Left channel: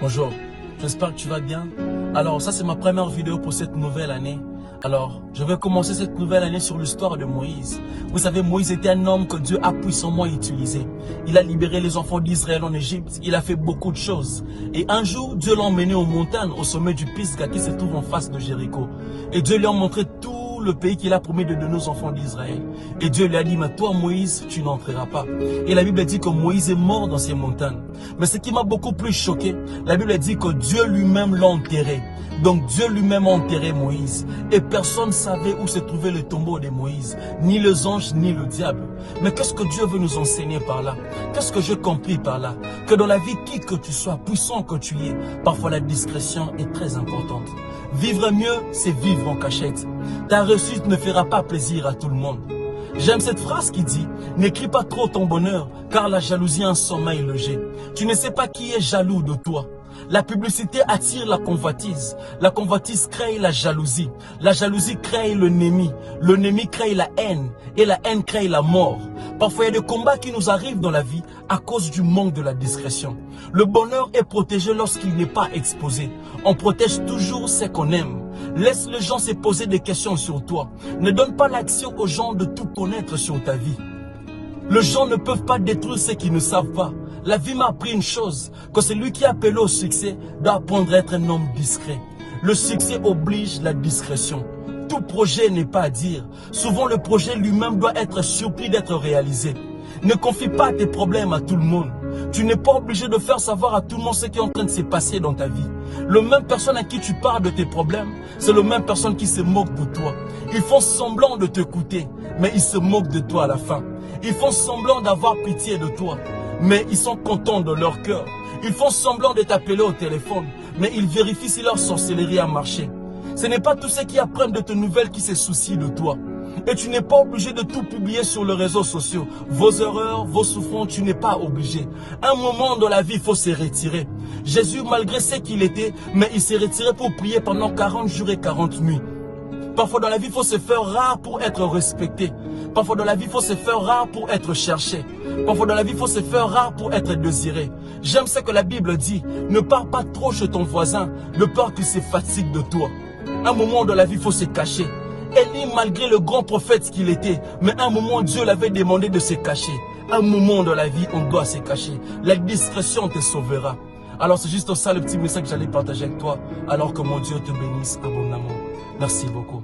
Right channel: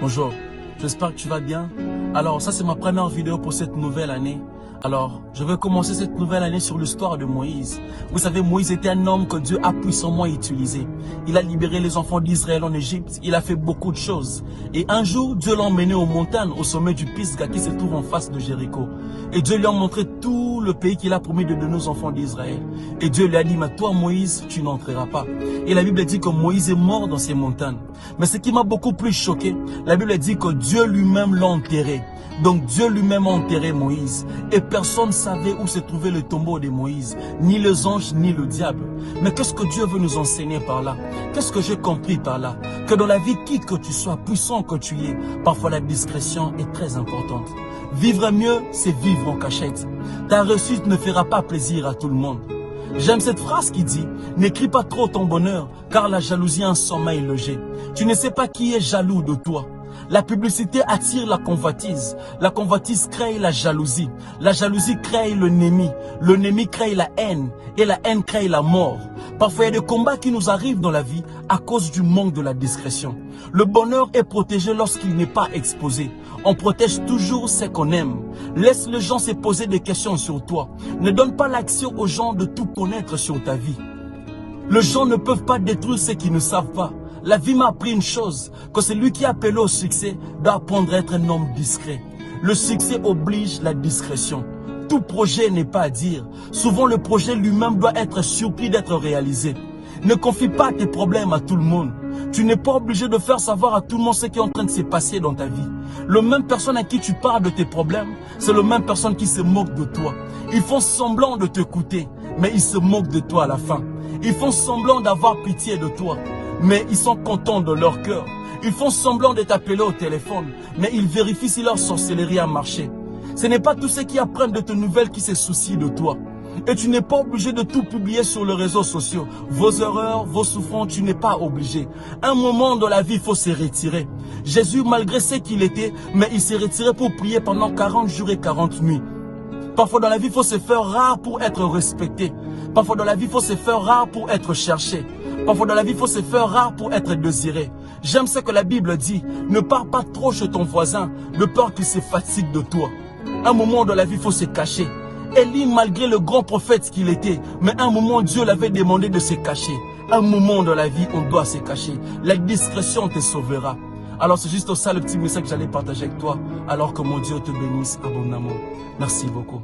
Bonjour, j'espère que tu vas bien. Alors, ça c'est ma première vidéo pour cette nouvelle année. Alors, je vais commencer cette nouvelle année sur l'histoire de Moïse. Vous savez, Moïse était un homme que Dieu a puissamment utilisé. Il a libéré les enfants d'Israël en Égypte. Il a fait beaucoup de choses. Et un jour, Dieu l'a emmené aux montagnes, au sommet du Pisga qui se trouve en face de Jéricho. Et Dieu lui a montré tout le pays qu'il a promis de donner aux enfants d'Israël. Et Dieu lui a dit, mais toi Moïse, tu n'entreras pas. Et la Bible dit que Moïse est mort dans ces montagnes. Mais ce qui m'a beaucoup plus choqué, la Bible dit que Dieu lui-même l'a enterré. Donc Dieu lui-même a enterré Moïse. Et personne ne savait où se trouvait le tombeau de Moïse. Ni les anges, ni le diable. Mais qu'est-ce que Dieu veut nous enseigner par là? Qu'est-ce que j'ai compris par là? Que dans la vie, qui que tu sois, puissant que tu es, parfois la discrétion est très importante. Vivre mieux, c'est vivre en cachette. Ta réussite ne fera pas plaisir à tout le monde. J'aime cette phrase qui dit, n'écris pas trop ton bonheur, car la jalousie a un sommeil logé. Tu ne sais pas qui est jaloux de toi. La publicité attire la convoitise. La convoitise crée la jalousie. La jalousie crée l'ennemi. L'ennemi crée la haine. Et la haine crée la mort. Parfois, il y a des combats qui nous arrivent dans la vie à cause du manque de la discrétion. Le bonheur est protégé lorsqu'il n'est pas exposé. On protège toujours ce qu'on aime. Laisse les gens se poser des questions sur toi. Ne donne pas l'action aux gens de tout connaître sur ta vie. Les gens ne peuvent pas détruire ce qu'ils ne savent pas. La vie m'a appris une chose, que celui qui est appelé au succès doit apprendre à être un homme discret. Le succès oblige la discrétion. Tout projet n'est pas à dire. Souvent le projet lui-même doit être surpris d'être réalisé. Ne confie pas tes problèmes à tout le monde. Tu n'es pas obligé de faire savoir à tout le monde ce qui est en train de se passer dans ta vie. Le même personne à qui tu parles de tes problèmes, c'est le même personne qui se moque de toi. Ils font semblant de t'écouter, mais ils se moquent de toi à la fin. Ils font semblant d'avoir pitié de toi, mais ils sont contents de leur cœur. Ils font semblant de t'appeler au téléphone, mais ils vérifient si leur sorcellerie a marché. Ce n'est pas tous ceux qui apprennent de tes nouvelles qui se soucient de toi. Et tu n'es pas obligé de tout publier sur les réseaux sociaux. Vos erreurs, vos souffrances, tu n'es pas obligé. Un moment dans la vie, il faut se retirer. Jésus, malgré ce qu'il était, mais il s'est retiré pour prier pendant 40 jours et 40 nuits. Parfois dans la vie, il faut se faire rare pour être respecté. Parfois dans la vie, il faut se faire rare pour être cherché. Parfois dans la vie, il faut se faire rare pour être désiré. J'aime ce que la Bible dit. Ne pars pas trop chez ton voisin, de peur qu'il se fatigue de toi. Un moment dans la vie, il faut se cacher. Élie, malgré le grand prophète qu'il était, mais un moment, Dieu l'avait demandé de se cacher. Un moment dans la vie, on doit se cacher. La discrétion te sauvera. Alors c'est juste ça le petit message que j'allais partager avec toi, alors que mon Dieu te bénisse abondamment. Merci beaucoup.